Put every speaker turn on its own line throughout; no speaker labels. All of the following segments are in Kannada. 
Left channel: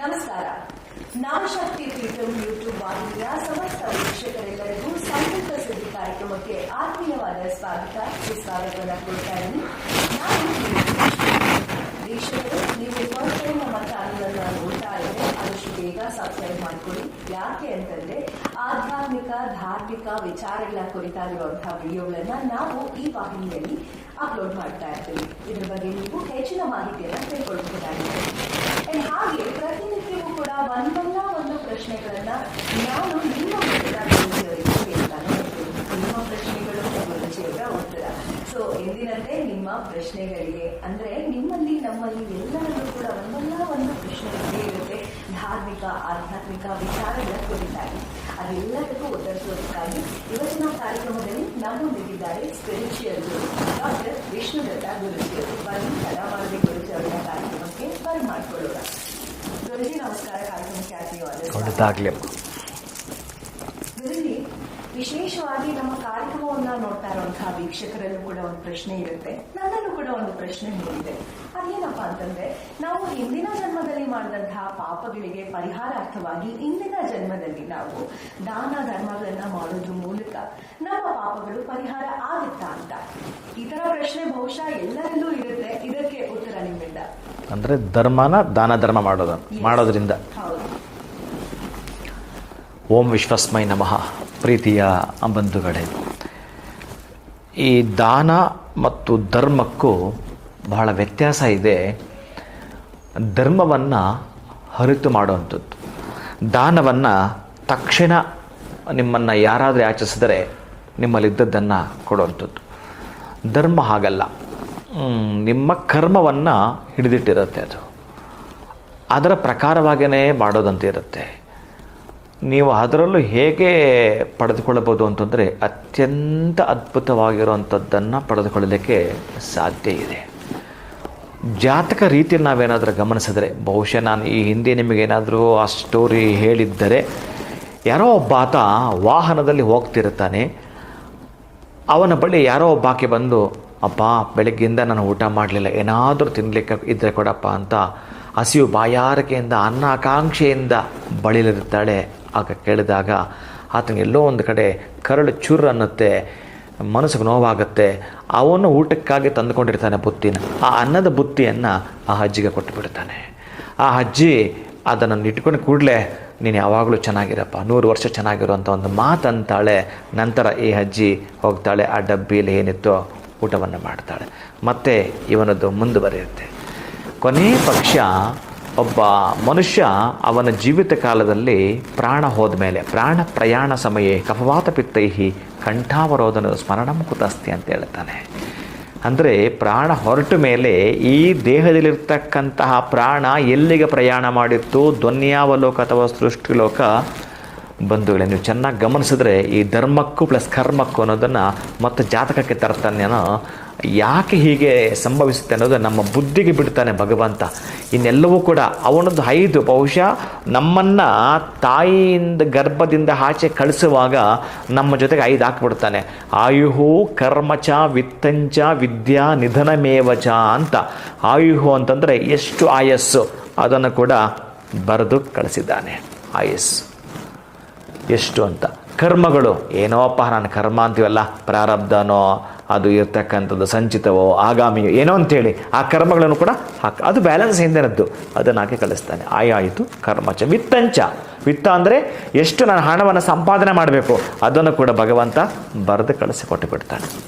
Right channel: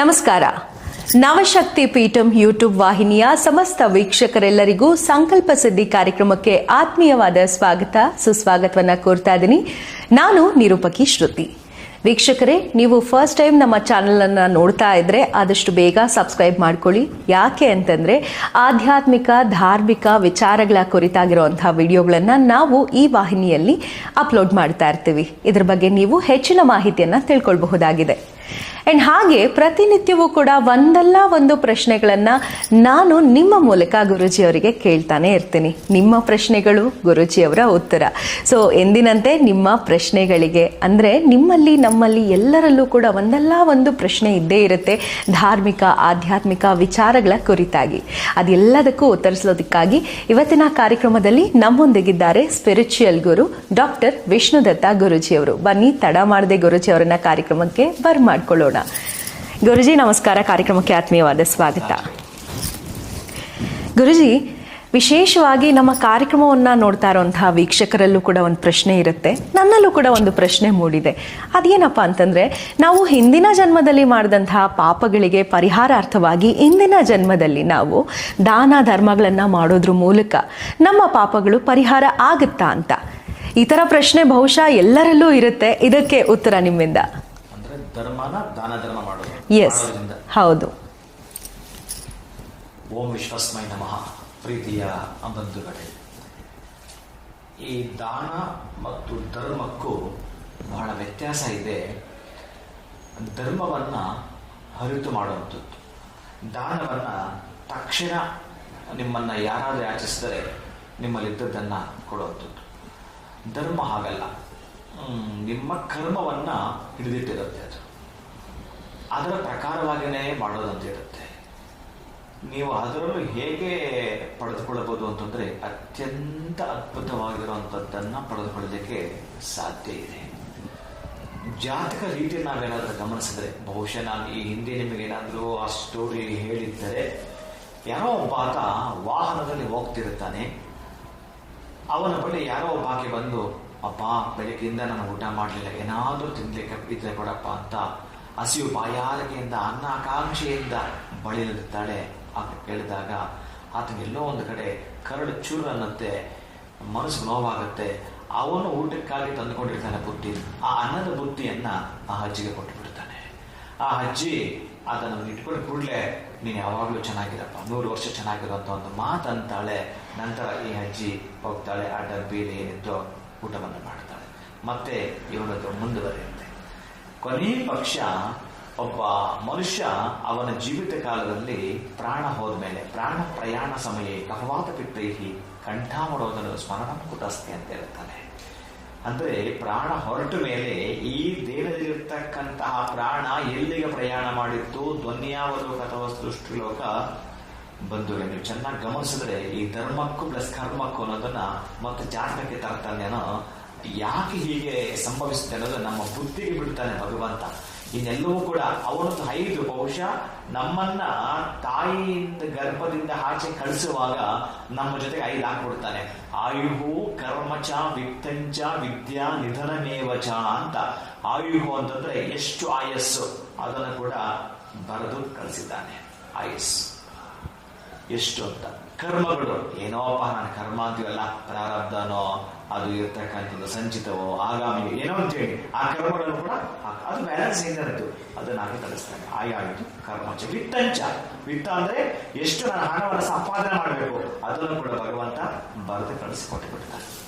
ನಮಸ್ಕಾರ. ನವಶಕ್ತಿ ಪೀಠಂ ಯೂಟ್ಯೂಬ್ ವಾಹಿನಿಯ ಸಮಸ್ತ ವೀಕ್ಷಕರೆಲ್ಲರಿಗೂ ಸಂಕಲ್ಪ ಸಿದ್ಧಿ ಕಾರ್ಯಕ್ರಮಕ್ಕೆ ಆತ್ಮೀಯವಾದ ಸ್ವಾಗತ, ಸುಸ್ವಾಗತವನ್ನು ಕೋರ್ತಾ ಇದ್ದೀನಿ. ನಾನು ನಿರೂಪಕಿ ಶ್ರುತಿ. ವೀಕ್ಷಕರೇ, ನೀವು ಫಸ್ಟ್ ಟೈಮ್ ನಮ್ಮ ಚಾನಲನ್ನು ನೋಡ್ತಾ ಇದ್ದರೆ ಆದಷ್ಟು ಬೇಗ ಸಬ್ಸ್ಕ್ರೈಬ್ ಮಾಡ್ಕೊಳ್ಳಿ. ಯಾಕೆ ಅಂತಂದ್ರೆ, ಆಧ್ಯಾತ್ಮಿಕ, ಧಾರ್ಮಿಕ ವಿಚಾರಗಳ ಕುರಿತಾಗಿರುವಂಥ ವಿಡಿಯೋಗಳನ್ನು ನಾವು ಈ ವಾಹಿನಿಯಲ್ಲಿ ಅಪ್ಲೋಡ್ ಮಾಡ್ತಾ ಇರ್ತೀವಿ. ಇದ್ರ ಬಗ್ಗೆ ನೀವು ಹೆಚ್ಚಿನ ಮಾಹಿತಿಯನ್ನು ತಿಳ್ಕೊಳ್ಬಹುದಾಗಿದೆ. ಆ್ಯಂಡ್ ಹಾಗೆ ಪ್ರತಿನಿತ್ಯವೂ ಕೂಡ ಒಂದಲ್ಲ ಒಂದು ಪ್ರಶ್ನೆಗಳನ್ನು ನಾನು ನಿಮ್ಮ ಮೂಲಕ ಗುರುಜಿಯವರಿಗೆ ಕೇಳ್ತಾನೆ ಇರ್ತೀನಿ. ನಿಮ್ಮ ಪ್ರಶ್ನೆಗಳು ಗುರುಜಿಯವರ ಉತ್ತರ. ಸೊ ಎಂದಿನಂತೆ ನಿಮ್ಮ ಪ್ರಶ್ನೆಗಳಿಗೆ ಅಂದರೆ ನಿಮ್ಮಲ್ಲಿ, ನಮ್ಮಲ್ಲಿ ಎಲ್ಲರಲ್ಲೂ ಕೂಡ ಒಂದಲ್ಲ ಒಂದು ಪ್ರಶ್ನೆ ಇದ್ದೇ ಇರುತ್ತೆ. ಧಾರ್ಮಿಕ, ಆಧ್ಯಾತ್ಮಿಕ ವಿಚಾರಗಳ ಕುರಿತಾಗಿ. ಅದೆಲ್ಲದಕ್ಕೂ ಉತ್ತರಿಸೋದಕ್ಕಾಗಿ ಇವತ್ತಿನ ಕಾರ್ಯಕ್ರಮದಲ್ಲಿ ನಮ್ಮೊಂದಿಗಿದ್ದಾರೆ ಸ್ಪಿರಿಚುಯಲ್ ಗುರು ಡಾಕ್ಟರ್ ವಿಷ್ಣುದತ್ತ ಗುರುಜಿಯವರು ಬನ್ನಿ, ತಡ ಮಾಡದೆ ಗುರುಜಿ ಕಾರ್ಯಕ್ರಮಕ್ಕೆ ಕಾರ್ಯಕ್ರಮಕ್ಕೆ ಬರ್ಮಾಡ್ಕೊಳ್ಳೋಣ ಗುರುಜಿ ನಮಸ್ಕಾರ. ಕಾರ್ಯಕ್ರಮಕ್ಕೆ ಆತ್ಮೀಯವಾದ ಸ್ವಾಗತ. ಗುರುಜಿ ವಿಶೇಷವಾಗಿ ನಮ್ಮ ಕಾರ್ಯಕ್ರಮವನ್ನು ನೋಡ್ತಾ ಇರುವಂತಹ ವೀಕ್ಷಕರಲ್ಲೂ ಕೂಡ ಒಂದು ಪ್ರಶ್ನೆ ಇರುತ್ತೆ. ನನ್ನಲ್ಲೂ ಕೂಡ ಒಂದು ಪ್ರಶ್ನೆ ಮೂಡಿದೆ. ಅದೇನಪ್ಪ ಅಂತಂದ್ರೆ ನಾವು ಹಿಂದಿನ ಜನ್ಮದಲ್ಲಿ ಮಾಡಿದಂತಹ ಪಾಪಗಳಿಗೆ ಪರಿಹಾರಾರ್ಥವಾಗಿ ಇಂದಿನ ಜನ್ಮದಲ್ಲಿ ನಾವು ದಾನ ಧರ್ಮಗಳನ್ನು ಮಾಡೋದ್ರ ಮೂಲಕ ನಮ್ಮ ಪಾಪಗಳು ಪರಿಹಾರ ಆಗುತ್ತಾ ಅಂತ. ಈ ಥರ ಪ್ರಶ್ನೆ ಬಹುಶಃ ಎಲ್ಲರಲ್ಲೂ ಇರುತ್ತೆ. ಇದಕ್ಕೆ ಉತ್ತರ ನಿಮ್ಮಿಂದ.
ಅಂದ್ರೆ ಧರ್ಮನ ದಾನ ಧರ್ಮ ಮಾಡೋದು. ಮಾಡೋದ್ರಿಂದ.
ಹೌದು.
ಓಂ ವಿಶ್ವಸ್ಮೈ ನಮಃ ಪ್ರೀತಿಯ ಬಂಧುಗಳೇ ಈ ದಾನ ಮತ್ತು ಧರ್ಮಕ್ಕೂ ಬಹಳ ವ್ಯತ್ಯಾಸ ಇದೆ. ಧರ್ಮವನ್ನು ಹರಿತು ಮಾಡುವಂಥದ್ದು. ದಾನವನ್ನು ತಕ್ಷಣ ನಿಮ್ಮನ್ನು ಯಾರಾದರೂ ಆಚರಿಸಿದರೆ ನಿಮ್ಮಲ್ಲಿದ್ದದ್ದನ್ನು ಕೊಡುವಂಥದ್ದು. ಧರ್ಮ ಹಾಗಲ್ಲ. ನಿಮ್ಮ ಕರ್ಮವನ್ನು ಹಿಡಿದಿಟ್ಟಿರುತ್ತೆ ಅದು. ಅದರ ಪ್ರಕಾರವಾಗಿಯೇ ಮಾಡೋದಂತ ಇರುತ್ತೆ. ನೀವು ಅದರಲ್ಲೂ ಹೇಗೆ ಪಡೆದುಕೊಳ್ಳಬಹುದು ಅಂತಂದರೆ ಅತ್ಯಂತ ಅದ್ಭುತವಾಗಿರುವಂಥದ್ದನ್ನು ಪಡೆದುಕೊಳ್ಳಲಿಕ್ಕೆ ಸಾಧ್ಯ ಇದೆ. ಜಾತಕ ರೀತಿ ನಾವೇನಾದರೂ ಗಮನಿಸಿದ್ರೆ, ಬಹುಶಃ ನಾನು ಈ ಹಿಂದೆ ನಿಮಗೇನಾದರೂ ಆ ಸ್ಟೋರಿ ಹೇಳಿದ್ದರೆ, ಯಾರೋ ಒಬ್ಬ ವಾಹನದಲ್ಲಿ ಹೋಗ್ತಿರ್ತಾನೆ ಅವನ ಬಳಿ ಯಾರೋ ಒಬ್ಬಾಕೆ ಬಂದು ಅಪ್ಪ ಬೆಳಗ್ಗೆಯಿಂದ ನಾನು ಊಟ ಮಾಡಲಿಲ್ಲ. ಏನಾದರೂ ತಿನ್ನಲಿಕ್ಕೆ ಇದ್ದರೆ ಕೊಡಪ್ಪ ಅಂತ ಹಸಿವು ಬಾಯಾರಿಕೆಯಿಂದ ಅನ್ನ ಆಕಾಂಕ್ಷೆಯಿಂದ ಬಳಿಲಿರ್ತಾಳೆ ಆಗ ಕೇಳಿದಾಗ ಆತನಿಗೆ ಎಲ್ಲೋ ಒಂದು ಕಡೆ ಕರಳು ಚುರ್ ಅನ್ನತ್ತೆ, ಮನಸ್ಸಿಗೆ ನೋವಾಗುತ್ತೆ. ಅವನು ಊಟಕ್ಕಾಗಿ ತಂದುಕೊಂಡಿರ್ತಾನೆ ಬುತ್ತಿನ. ಆ ಅನ್ನದ ಬುತ್ತಿಯನ್ನು ಆ ಅಜ್ಜಿಗೆ ಕೊಟ್ಟು ಬಿಡ್ತಾನೆ ಆ ಅಜ್ಜಿ ಅದನ್ನು ಇಟ್ಕೊಂಡು ಕೂಡಲೇ, ನೀನು ಯಾವಾಗಲೂ ಚೆನ್ನಾಗಿರಪ್ಪ, ನೂರು ವರ್ಷ ಚೆನ್ನಾಗಿರುವಂಥ ಒಂದು ಮಾತಂತಾಳೆ. ನಂತರ ಈ ಅಜ್ಜಿ ಹೋಗ್ತಾಳೆ, ಆ ಡಬ್ಬಿಯಲ್ಲಿ ಏನಿತ್ತೋ ಊಟವನ್ನು ಮಾಡ್ತಾಳೆ. ಮತ್ತೆ ಇವನದ್ದು ಮುಂದುವರಿಯುತ್ತೆ. ಕೊನೆ ಪಕ್ಷ ಒಬ್ಬ ಮನುಷ್ಯ ಅವನ ಜೀವಿತ ಕಾಲದಲ್ಲಿ ಪ್ರಾಣ ಹೋದ ಮೇಲೆ, ಪ್ರಾಣ ಪ್ರಯಾಣ ಸಮಯ ಕಫವಾತ ಪಿತ್ತೈಹಿ ಕಂಠಾವರೋಧನ ಸ್ಮರಣಂ ಕುತಸ್ತಿ ಅಂತ ಹೇಳ್ತಾನೆ. ಅಂದರೆ ಪ್ರಾಣ ಹೊರಟ ಮೇಲೆ ಈ ದೇಹದಲ್ಲಿರ್ತಕ್ಕಂತಹ ಪ್ರಾಣ ಎಲ್ಲಿಗೆ ಪ್ರಯಾಣ ಮಾಡಿತ್ತು? ಧ್ವನ್ಯಾವಲೋಕ ಅಥವಾ ಸೃಷ್ಟಿಲೋಕ? ಬಂಧುಗಳೇ, ನೀವು ಚೆನ್ನಾಗಿ ಗಮನಿಸಿದ್ರೆ ಈ ಧರ್ಮಕ್ಕೂ ಪ್ಲಸ್ ಕರ್ಮಕ್ಕೂ ಅನ್ನೋದನ್ನು ಮತ್ತು ಜಾತಕಕ್ಕೆ ತರ್ತಾನೇನೋ ಯಾಕೆ ಹೀಗೆ ಸಂಭವಿಸುತ್ತೆ ಅನ್ನೋದು ನಮ್ಮ ಬುದ್ಧಿಗೆ ಬಿಡ್ತಾನೆ ಭಗವಂತ. ಇನ್ನೆಲ್ಲವೂ ಕೂಡ ಅವನೊಂದು ಐದು ಬಹುಶಃ ನಮ್ಮನ್ನು ತಾಯಿಯಿಂದ ಗರ್ಭದಿಂದ ಆಚೆ ಕಳಿಸುವಾಗ ನಮ್ಮ ಜೊತೆಗೆ ಐದು ಹಾಕ್ಬಿಡ್ತಾನೆ. ಆಯುಹು, ಕರ್ಮಚ, ವಿತ್ತಂಚ, ವಿದ್ಯಾ, ನಿಧನಮೇವಚ ಅಂತ. ಆಯುಹು ಅಂತಂದರೆ ಎಷ್ಟು ಆಯಸ್ಸು, ಅದನ್ನು ಕೂಡ ಬರೆದು ಕಳಿಸಿದ್ದಾನೆ. ಆಯಸ್ಸು. ಎಷ್ಟು ಅಂತ. ಕರ್ಮಗಳು ಏನೋಪ್ಪ ನಾನು ಕರ್ಮ ಅಂತೀವಲ್ಲ, ಪ್ರಾರಬ್ಧನೋ, ಅದು ಇರ್ತಕ್ಕಂಥದ್ದು ಸಂಚಿತವೋ, ಆಗಾಮಿಯೋ, ಏನೋ ಅಂತೇಳಿ, ಆ ಕರ್ಮಗಳನ್ನು ಕೂಡ ಹಾಕ, ಅದು ಬ್ಯಾಲೆನ್ಸ್ ಹಿಂದಿನದ್ದು ಅದನ್ನು ಹಾಕಿ ಕಳಿಸ್ತಾನೆ. ಆಯಾಯಿತು ಕರ್ಮಚ ವಿತ್ತಂಚ. ವಿತ್ತ ಅಂದರೆ ಎಷ್ಟು ನಾನು ಹಣವನ್ನು ಸಂಪಾದನೆ ಮಾಡಬೇಕು, ಅದನ್ನು ಕೂಡ ಭಗವಂತ ಬರೆದು ಕಳಿಸಿಕೊಟ್ಟು ಬಿಡ್ತಾನೆ.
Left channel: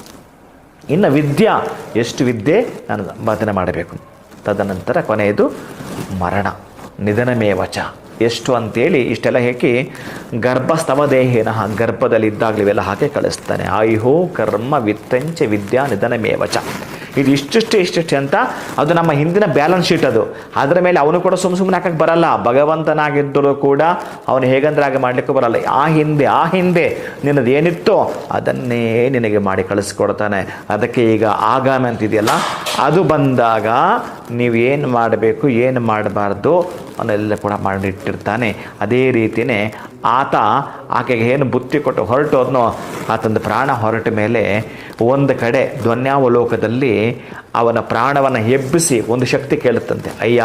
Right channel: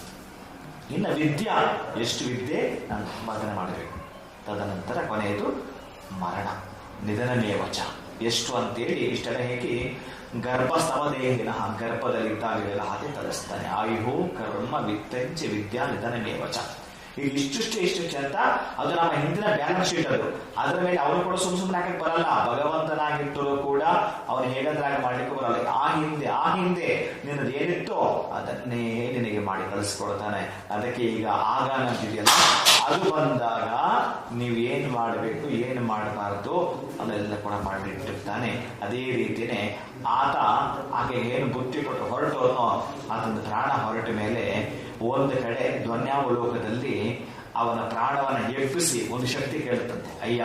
ಇನ್ನು ವಿದ್ಯಾ, ಎಷ್ಟು ವಿದ್ಯೆ ನಾನು ಸಂಪಾದನೆ ಮಾಡಬೇಕು. ತದನಂತರ ಕೊನೆಯದು ಮರಣ. ನಿಧನಮೇವಚ. ಎಷ್ಟು ಅಂತೇಳಿ ಇಷ್ಟೆಲ್ಲ ದೇಹೇನ ಗರ್ಭದಲ್ಲಿ ಇದ್ದಾಗಲಿವೆಲ್ಲ ಹಾಕಿ ಕಳಿಸ್ತಾನೆ ಆಯುಹೋ ಕರ್ಮ ವಿತ್ತಂಚ ವಿದ್ಯಾ ನಿಧನಮೇವಚ. ಇದು ಇಷ್ಟಿಷ್ಟು ಇಷ್ಟಿಷ್ಟು ಅಂತ ಅದು ನಮ್ಮ ಹಿಂದಿನ ಬ್ಯಾಲೆನ್ಸ್ ಶೀಟ್ ಅದು. ಅದರ ಮೇಲೆ ಅವನು ಕೂಡ ಸುಮ್ಮ ಸುಮ್ಮನೆ ಹಾಕಕ್ಕೆ ಬರಲ್ಲ. ಭಗವಂತನಾಗಿದ್ದರೂ ಕೂಡ ಅವನು ಹೇಗಂದ್ರೆ ಹಾಗೆ ಮಾಡಲಿಕ್ಕೂ ಬರಲ್ಲ. ಆ ಹಿಂದೆ ಆ ಹಿಂದೆ ನಿನ್ನದು ಏನಿತ್ತೋ ಅದನ್ನೇ ನಿನಗೆ ಮಾಡಿ ಕಳಿಸ್ಕೊಡ್ತಾನೆ. ಅದಕ್ಕೆ ಈಗ ಆಗಾನ ಅಂತಿದೆಯಲ್ಲ? ಅದು ಬಂದಾಗ ನೀವು ಏನು ಮಾಡಬೇಕು, ಏನು ಮಾಡಬಾರ್ದು ಅವನ್ನೆಲ್ಲ ಕೂಡ ಮಾಡಿಟ್ಟಿರ್ತಾನೆ. ಅದೇ ರೀತಿಯೇ ಆತ ಆಕೆಗೆ ಏನು ಬುತ್ತಿ ಕೊಟ್ಟು ಹೊರಟೋದ್ನೋ ಆತಂದು ಪ್ರಾಣ ಹೊರಟ ಮೇಲೆ ಒಂದು ಕಡೆ ಧ್ವನ್ಯಾವಲೋಕದಲ್ಲಿ ಅವನ ಪ್ರಾಣವನ್ನು ಎಬ್ಬಿಸಿ ಒಂದು ಶಕ್ತಿ ಕೇಳುತ್ತಂತೆ. ಅಯ್ಯ,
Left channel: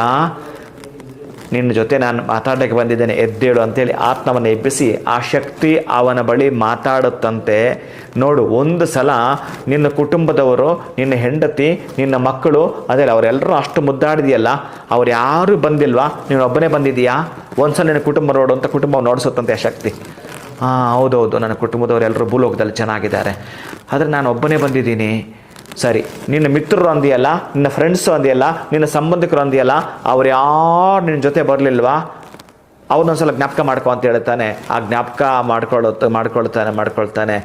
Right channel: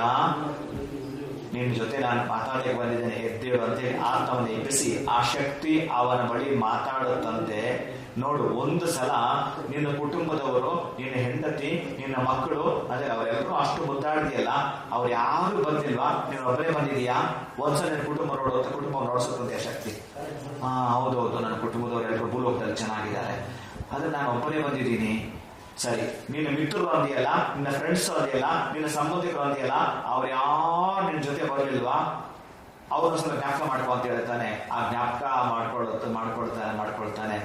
ನಿನ್ನ ಜೊತೆ ನಾನು ಮಾತಾಡಕ್ಕೆ ಬಂದಿದ್ದೇನೆ, ಎದ್ದೇಳು ಅಂತೇಳಿ ಆತ್ಮವನ್ನು ಎಬ್ಬಿಸಿ ಆ ಶಕ್ತಿ ಅವನ ಬಳಿ ಮಾತಾಡುತ್ತಂತೆ. ನೋಡು, ಒಂದು ಸಲ ನಿನ್ನ ಕುಟುಂಬದವರು, ನಿನ್ನ ಹೆಂಡತಿ, ನಿನ್ನ ಮಕ್ಕಳು ಅದೇ ಅವರೆಲ್ಲರೂ ಅಷ್ಟು ಮುದ್ದಾಡಿದೆಯಲ್ಲ, ಅವ್ರು ಯಾರೂ ಬಂದಿಲ್ವಾ? ನೀನು ಒಬ್ಬನೇ ಬಂದಿದೀಯಾ ಒಂದ್ಸಲ ನಿನ್ನ ಕುಟುಂಬ ನೋಡು ಅಂತ ಕುಟುಂಬ ನೋಡಿಸುತ್ತಂತೆ ಶಕ್ತಿ. ಹಾಂ ಹೌದೌದು, ನನ್ನ ಕುಟುಂಬದವರೆಲ್ಲರೂ ಭೂಲೋಕದಲ್ಲಿ ಚೆನ್ನಾಗಿದ್ದಾರೆ. ಆದರೆ ನಾನು ಒಬ್ಬನೇ ಬಂದಿದ್ದೀನಿ. ಸರಿ, ನಿನ್ನ ಮಿತ್ರರು ಅಂದಿಯಲ್ಲ, ನಿನ್ನ ಫ್ರೆಂಡ್ಸು ಅಂದಿಯಲ್ಲ, ನಿನ್ನ ಸಂಬಂಧಿಕರು ಅಂದಿಯಲ್ಲ, ಅವ್ರು ಯಾರು ನಿನ್ನ ಜೊತೆ ಬರಲಿಲ್ವಾ? ಅವನೊಂದ್ಸಲ ಜ್ಞಾಪಕ ಮಾಡ್ಕೊ ಅಂತ ಹೇಳ್ತಾನೆ. ಆ ಜ್ಞಾಪಕ ಮಾಡ್ಕೊಳ್ಳುತ್ತ ಮಾಡ್ಕೊಳ್ತಾನೆ ಮಾಡ್ಕೊಳ್ತಾನೆ.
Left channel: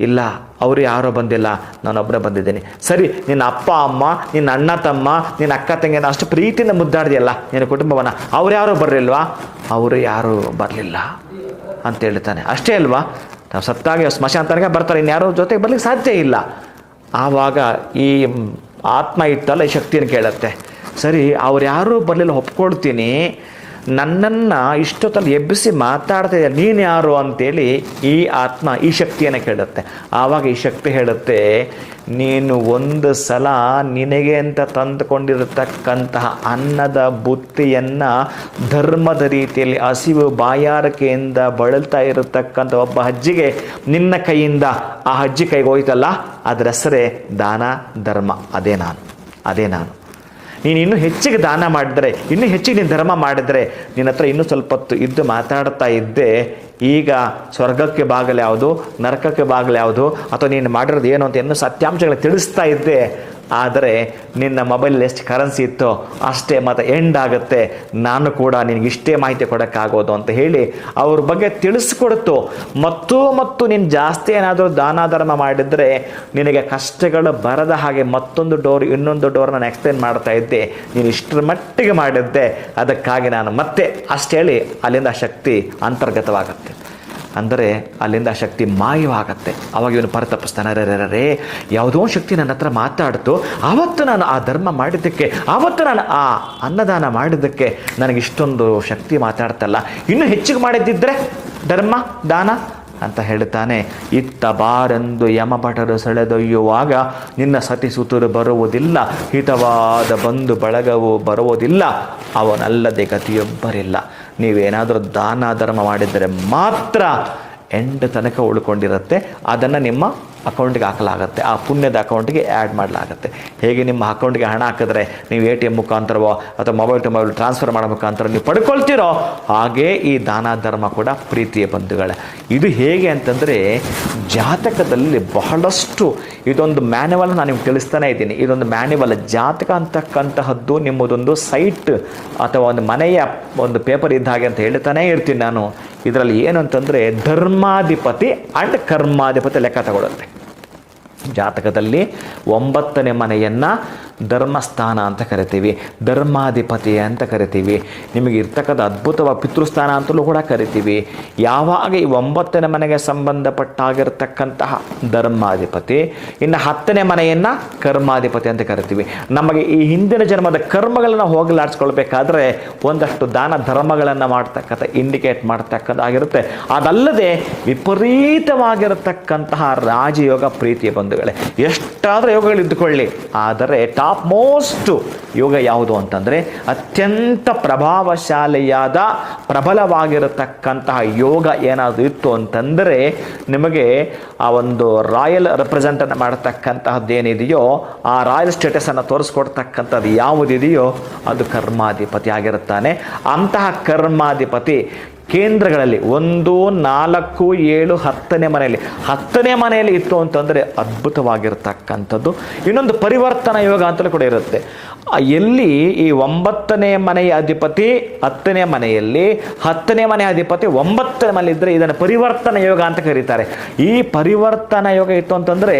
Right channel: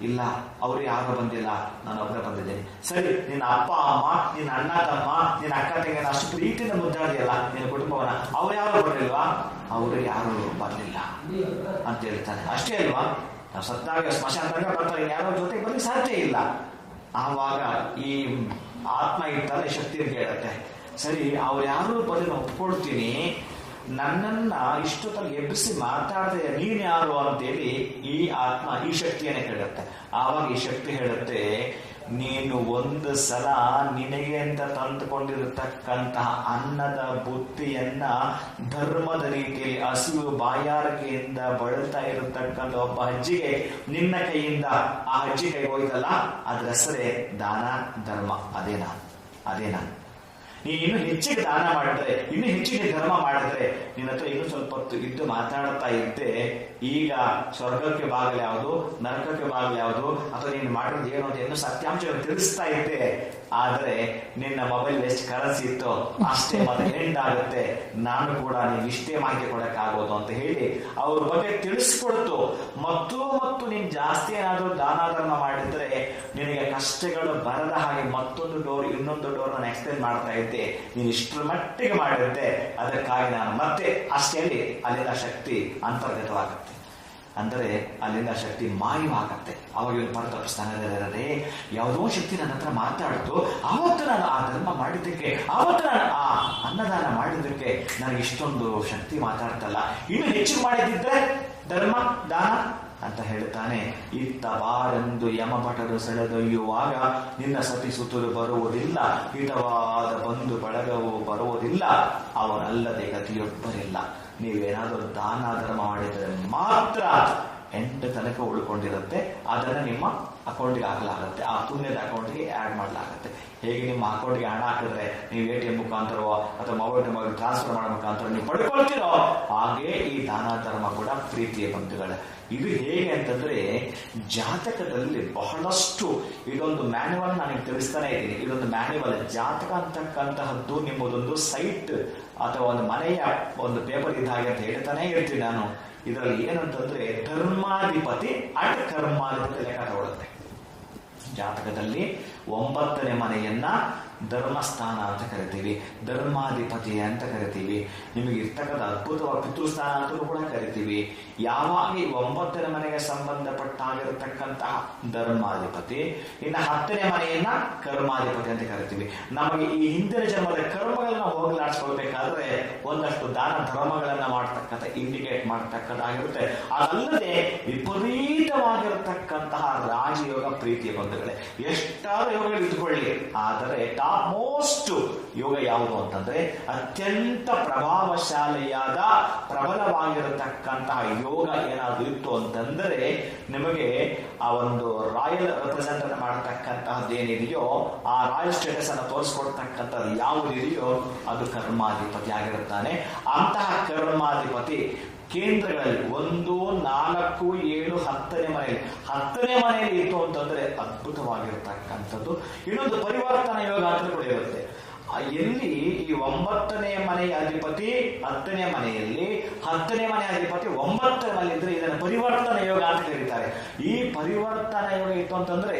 ಇಲ್ಲ, ಅವರು ಯಾರೋ ಬಂದಿಲ್ಲ ನಾನೊಬ್ಬರೇ ಬಂದಿದ್ದೀನಿ. ಸರಿ, ನಿನ್ನ ಅಪ್ಪ, ಅಮ್ಮ, ನಿನ್ನ ಅಣ್ಣ, ತಮ್ಮ, ನಿನ್ನ ಅಕ್ಕ, ತಂಗಿನ ಅಷ್ಟು ಪ್ರೀತಿಯಿಂದ ಮುದ್ದಾಡಿದೆಯಲ್ಲ, ನಿನ್ನ ಕುಟುಂಬವನ್ನು, ಅವ್ರು ಯಾರು ಬರಲಿಲ್ವಾ? ಅವರು ಯಾರು ಬರಲಿಲ್ಲ ಅಂತ ಹೇಳ್ತಾನೆ. ಅಷ್ಟೇ ಅಲ್ವಾ? ನಾವು ಸತ್ತಾಗ ಸ್ಮಶಾನ ತನಕ ಬರ್ತಾರೆ, ಇನ್ಯಾರೋ ಜೊತೆಗೆ ಬರ್ಲಿಕ್ಕೆ ಸಾಧ್ಯ ಇಲ್ಲ. ಆವಾಗ ಈ ಆತ್ಮ ಇತ್ತಲ್ಲ, ಈ ಶಕ್ತಿಯನ್ನು ಕೇಳುತ್ತೆ. ಸರಿ, ಅವ್ರು ಯಾರೂ ಬರಲಿಲ್ಲ ಒಪ್ಕೊಳ್ತೀನಿ ನನ್ನನ್ನು ಇಷ್ಟೊತ್ತಲ್ಲಿ ಎಬ್ಬಿಸಿ ಮಾತಾಡ್ತಾ ನೀನು ಯಾರು ಅಂತೇಳಿ ಈ ಆತ್ಮ, ಈ ಶಕ್ತಿಯನ್ನು ಕೇಳುತ್ತೆ. ಆವಾಗ ಈ ಶಕ್ತಿ ಹೇಳುತ್ತೆ, ನೀನು ಒಂದು ಸಲ ನಿನಗೆ ಅಂತ ತಂದುಕೊಂಡಿರತಕ್ಕಂತಹ ಅನ್ನದ ಬುತ್ತಿಯನ್ನು ಧರ್ಮದ ರೀತಿಯಲ್ಲಿ ಹಸಿವು ಬಾಯಾರಿಕೆಯಿಂದ ಬಳಲ್ತಾ ಇರತಕ್ಕಂಥ ಒಬ್ಬ ಅಜ್ಜಿಗೆ ನಿನ್ನ ಕೈಯಿಂದ ಆ ಅಜ್ಜಿ ಕೈಗೆ ಹೋಯ್ತಲ್ಲ ಅದರ ಹೆಸರೇ ದಾನ, ಧರ್ಮ. ಅದೇ ನಾನು ಅದೇ ನಾನು. ನೀನು ಇನ್ನೂ ಹೆಚ್ಚಿಗೆ ದಾನ ಮಾಡಿದರೆ, ಇನ್ನೂ ಹೆಚ್ಚಿಗೆ ನೀನು ಧರ್ಮ ಮಾಡಿದರೆ, ನಿನ್ನ ಹತ್ರ ಇನ್ನೂ ಸ್ವಲ್ಪ ಹೊತ್ತು ಇದ್ದು ಮಾತಾಡ್ತಾ ಇದ್ದೆ, ಈಗ ಸ್ವರ್ಗಕ್ಕೆ ಬಾಗಿಲು ಯಾವುದು, ನರಕಕ್ಕೆ ಬಾಗಿಲು ಯಾವುದು, ಅಥವಾ ನೀನು ಮಾಡಿರೋದು ಏನು ಅಂತ ಇನ್ನೂ ಸತ್ಯಾಂಶಗಳು ತಿಳಿಸ್ತಾ ಇದ್ದೆ ಆದರೆ ನಿನ್ನ ಮೊಬೈಲ್ ಎಷ್ಟು ಕರೆನ್ಸಿ ಇತ್ತೋ ಅಷ್ಟೇ ಮತ್ತೆ ಎಂಡ್ ಆಗುತ್ತೆ. ನಾನು ಕೂಡ ನಿನಗೆ ಇಷ್ಟೇ ಮಾಹಿತಿ ಕೊಡೋಕ್ಕಾಗೋದು ಅಂತ ಹೇಳಿ ಅವ್ರ ಬಗ್ಗೆ ತಿಳಿಸ್ಕೊಡ್ತು. ಮತ್ತು ಮತ್ತು ನೀನು ಜಾಸ್ತಿ ಏನಾದರೂ ದಾನ ಧರ್ಮ ಮಾಡಿದರೆ ನಿನಗೆ ಕಷ್ಟಗಳು ಬರದ ಹಾಗೆ ಮತ್ತೊಂದು ಡೋರ್, ಇನ್ನೊಂದು ಡೋರ್ ನಾನು ಎಕ್ಸ್ಪ್ಲೇನ್ ಮಾಡ್ತಾ ಇದ್ದೆ. ನೀನು ಇಷ್ಟರ ಮಟ್ಟಿಗೆ ಮಾಡಿದ್ದೆ. ಅದಕ್ಕಾಗಿ ನಾನು ಮತ್ತೆ ಅಷ್ಟೇಳಿ ಅಲ್ಲಿಂದ ಶಕ್ತಿ ಅಂತರ್ಗತವಾಗುತ್ತೆ. ಅಂದರೆ ಅಲ್ಲಿಂದ ಆ ಶಕ್ತಿ ಮಾಯವಾಗತ್ತೆ. ಅವಾಗ ಇವನು ಪರತಪ್ಪಿಸ್ತಾನೆ ರೇ ಯಾವುದೋ ಶಕ್ತಿ ನನ್ನ ಹತ್ರ ಮಾತಾಡ್ತು. ಆವತ್ತು ನಾನು ಆ ಧರ್ಮ ಮಾಡಿದ್ದಕ್ಕೆ ಆವತ್ತು ನಾನು ಆ ಅನ್ನದಾನ ಮಾಡಿದ್ದಕ್ಕೆ ನನಗೆ ಇಷ್ಟೊಂದು ಶಕ್ತಿ ಮಾತಾಡ್ತಲ್ಲ. ಇನ್ನೂ ಹೆಚ್ಚಿಗೆ ಮಾಡಿದ್ದಿದ್ರೆ ಧರ್ಮ, ದಾನ? ಅಂತ ಹೇಳ್ತಾನೆ ಇತ್ತ ಬಾರೆಂದು ಯಮಭಟರು ಸೆಳೆದೊಯ್ಯುವಾಗ ನಿನ್ನ ಸತಿಸುತರು ಬರುವುದಿಲ್ಲ, ಹಿತವಾದ ಬಂಧು ಬಳಗವು ಬರುವುದಿಲ್ಲ, ಅವನಲ್ಲದೆ ಗತಿಯೊಬ್ಬರಿಲ್ಲ. ನೀವೇನಾದರೂ ದಾನ ಧರ್ಮ ಮಾಡಿದರೆ ಮಾತ್ರ ಎಂಡ್ ತನಕ ಉಳ್ಕೊಂಡಿರುತ್ತೆ, ಅದನ್ನು ನಿಮ್ಮ ಅಕೌಂಟ್ಗೆ ಹಾಕಲಾಗುತ್ತೆ. ಆ ಪುಣ್ಯದ ಅಕೌಂಟ್ಗೆ ಆ್ಯಡ್ ಮಾಡಲಾಗುತ್ತೆ. ಹೇಗೆ ನಿಮ್ಮ ಅಕೌಂಟ್ಗೆ ಹಣ ಹಾಕಿದ್ರೆ ನೀವು ಎ ಟಿ ಎಂ ಮುಖಾಂತರವೋ ಅಥವಾ ಮೊಬೈಲ್ ಟು ಮೊಬೈಲ್ ಟ್ರಾನ್ಸ್ಫರ್ ಮಾಡೋ ಮುಖಾಂತರ ನೀವು ಪಡ್ಕೊಳ್ತೀರೋ, ಹಾಗೇ ಈ ದಾನ ಧರ್ಮ ಕೂಡ ಪ್ರೀತಿಯ ಬಂಧುಗಳೇ. ಇದು ಹೇಗೆ ಅಂತಂದರೆ ಜಾತಕದಲ್ಲಿ ಬಹಳಷ್ಟು ಇದೊಂದು ಮ್ಯಾನ್ಯುವಲ್ ನಾನು ನಿಮ್ಗೆ ತಿಳಿಸ್ತಾನೆ ಇದ್ದೀನಿ. ಇದೊಂದು ಮ್ಯಾನ್ಯುವಲ್ ಜಾತಕ ಅಂತಕ್ಕಂತಹದ್ದು ನಿಮ್ಮದೊಂದು ಸೈಟ್ ಅಥವಾ ಒಂದು ಮನೆಯ ಒಂದು ಪೇಪರ್ ಇದ್ದ ಹಾಗೆ ಅಂತ ಹೇಳ್ತಾನೆ ಇರ್ತೀನಿ ನಾನು. ಇದರಲ್ಲಿ ಏನು ಅಂತಂದರೆ ಧರ್ಮಾಧಿಪತಿ ಅಂಡ್ ಕರ್ಮಾಧಿಪತಿ ಲೆಕ್ಕ ತಗೊಳುತ್ತೆ ಜಾತಕದಲ್ಲಿ ಒಂಬತ್ತನೇ ಮನೆಯನ್ನು ಧರ್ಮಸ್ಥಾನ ಅಂತ ಕರಿತೀವಿ, ಧರ್ಮಾಧಿಪತಿ ಅಂತ ಕರಿತೀವಿ ನಿಮಗೆ ಇರ್ತಕ್ಕಂಥ ಅದ್ಭುತವಾದ ಪಿತೃಸ್ಥಾನ ಅಂತಲೂ ಕೂಡ ಕರಿತೀವಿ. ಯಾವಾಗ ಈ ಒಂಬತ್ತನೇ ಮನೆಗೆ ಸಂಬಂಧಪಟ್ಟಾಗಿರ್ತಕ್ಕಂತಹ ಧರ್ಮಾಧಿಪತಿ, ಇನ್ನು ಹತ್ತನೇ ಮನೆಯನ್ನು ಕರ್ಮಾಧಿಪತಿ ಅಂತ ಕರಿತೀವಿ. ನಮಗೆ ಈ ಹಿಂದಿನ ಜನ್ಮದ ಕರ್ಮಗಳನ್ನು ಹೋಗಲಾಡಿಸ್ಕೊಳ್ಬೇಕಾದ್ರೆ ಒಂದಷ್ಟು ದಾನ ಧರ್ಮಗಳನ್ನು ಮಾಡ್ತಕ್ಕಂಥ, ಇಂಡಿಕೇಟ್ ಮಾಡ್ತಕ್ಕಂಥಾಗಿರುತ್ತೆ ಅದಲ್ಲದೆ ವಿಪರೀತವಾಗಿರತಕ್ಕಂತಹ ರಾಜಯೋಗ ಪ್ರೀತಿಯ ಬಂಧುಗಳೇ, ಎಷ್ಟಾದರೂ ಯೋಗಗಳು ಇದ್ದುಕೊಳ್ಳಿ ಆದರೆ ಟಾಪ್ ಮೋಸ್ಟ್ ಯೋಗ ಯಾವುದು ಅಂತಂದರೆ ಅತ್ಯಂತ ಪ್ರಭಾವಶಾಲಿಯಾದ, ಪ್ರಬಲವಾಗಿರತಕ್ಕಂತಹ ಯೋಗ ಏನಾದರೂ ಇತ್ತು ಅಂತಂದರೆ ನಿಮಗೆ ಆ ಒಂದು ರಾಯಲ್ ರೆಪ್ರೆಸೆಂಟನ್ನು ಮಾಡತಕ್ಕಂತಹದ್ದು ಏನಿದೆಯೋ ಆ ರಾಯಲ್ ಸ್ಟೇಟಸನ್ನು ತೋರಿಸ್ಕೊಡ್ತಕ್ಕಂಥದ್ದು ಯಾವುದಿದೆಯೋ ಅದು ಕರ್ಮಾಧಿಪತಿ ಆಗಿರುತ್ತಾನೆ. ಅಂತಹ ಕರ್ಮಾಧಿಪತಿ ಕೇಂದ್ರಗಳಲ್ಲಿ ಒಂದು, ನಾಲ್ಕು, ಏಳು, ಹತ್ತನೇ ಮನೆಯಲ್ಲಿ. ಹತ್ತನೇ ಮನೆಯಲ್ಲಿ ಇತ್ತು ಅಂತಂದರೆ ಅದ್ಭುತವಾಗಿರ್ತಕ್ಕಂಥದ್ದು. ಇನ್ನೊಂದು ಪರಿವರ್ತನಾ ಯೋಗ ಅಂತಲೂ ಕೂಡ ಇರುತ್ತೆ. ಎಲ್ಲಿ ಈ ಒಂಬತ್ತನೇ ಮನೆಯ ಅಧಿಪತಿ, ಹತ್ತನೇ ಮನೆಯಲ್ಲಿ, ಹತ್ತನೇ ಮನೆಯ ಅಧಿಪತಿ, ಒಂಬತ್ತನೇ ಮನೆ ಇದ್ದರೆ ಇದನ್ನು ಪರಿವರ್ತನ ಯೋಗ ಅಂತ ಕರೀತಾರೆ. ಈ ಪರಿವರ್ತನ ಯೋಗ ಇತ್ತು ಅಂತಂದರೆ,